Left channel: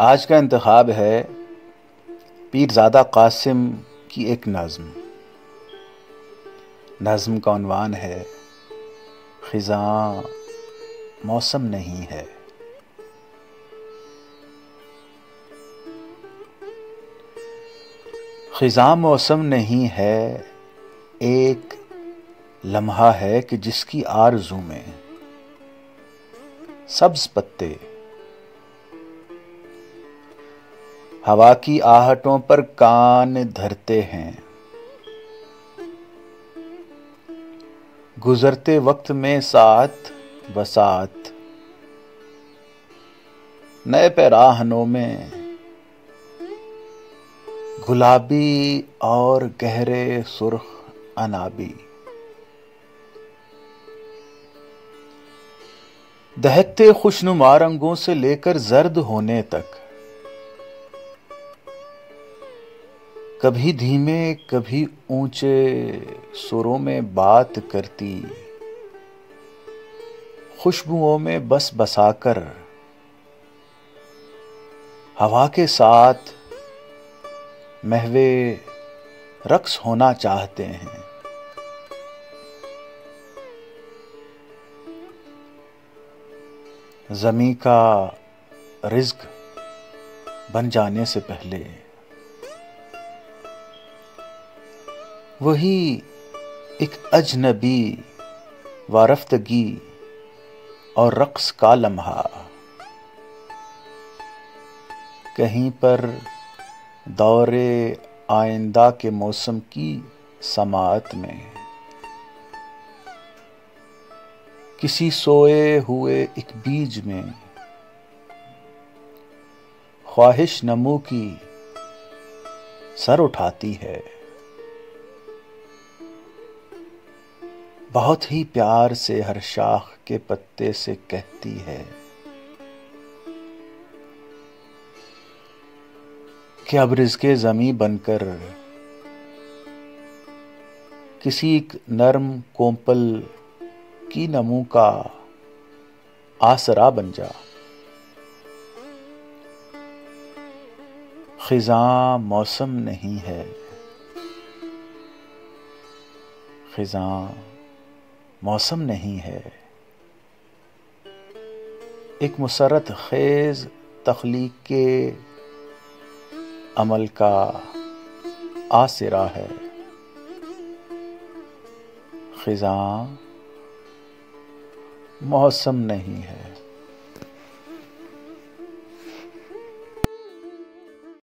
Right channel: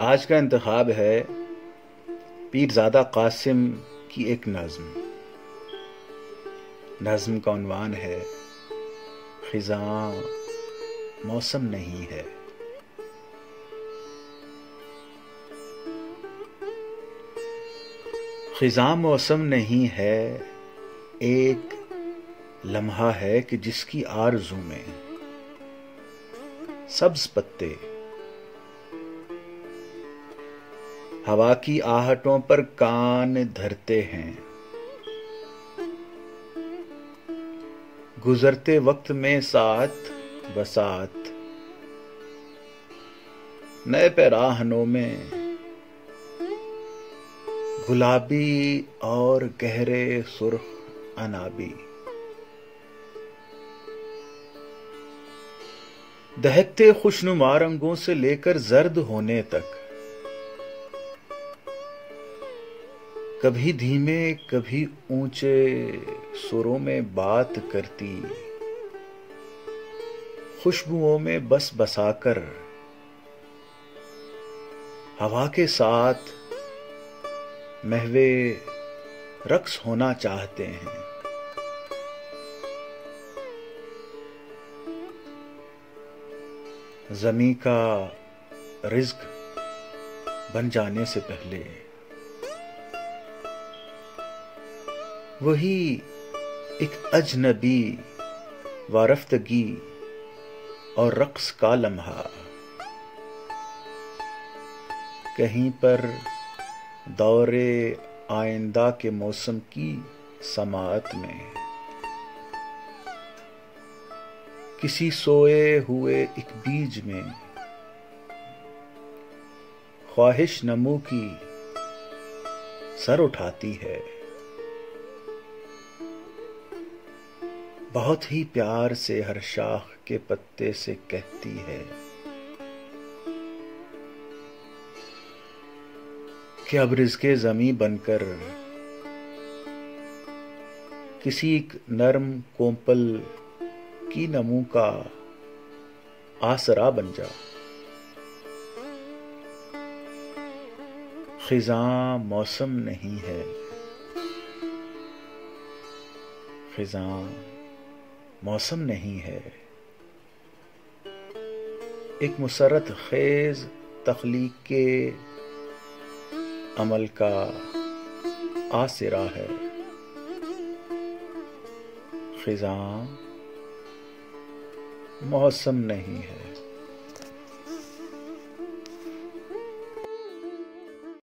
آج کا انتخاب ہے پیرزادہ قاسم کی ایک نظم کا عنوان ہے خزاں موسم نہیں ہے۔ خزاں موسم نہیں ہے، ایک لمحہ ہے کہ جس کی آرزو میں سبز پتے ہوا کی آہٹوں پر کان دھرتے ہیں، گزرتے وقت میں ساتھ بساتھ نئے پیراہنوں میں گلابی اور گہرے سرخ عنابی، دہکتے خوشنما رنگوں سے لے کر زرد ہونے تک، کبھی دھیمے کبھی اونچے سروں میں بات کرتی، خوشبوؤں میں بس بسا کر ہوا کے ساتھ محو رقص ہونا چاہتے ہیں۔ زمیں کا رزق بن جانے سے پہلے وہی ایک اجنبی وارفتگی اور رقص کا لمحہ، کہیں پر دور آئندہ کے موسم کی سماعت میں، کسی سوئے ہوئے ایک بیج میں خواہش نمو کی سر اٹھاتی ہے، بہت ہی پیار سے ہر شاخ کے پتے سے کہتی ہے کہ اب رزق زمیں بن کر کسی ایک نرم کومپل کی نمو کا آسرا بن جا۔ خزاں موسم نہیں ہے، خزاں موسم نہیں ہے، ایک مسرت خیز تخلیق کے عمل کا آسرا ہے۔ خزاں موسم نہیں ہے۔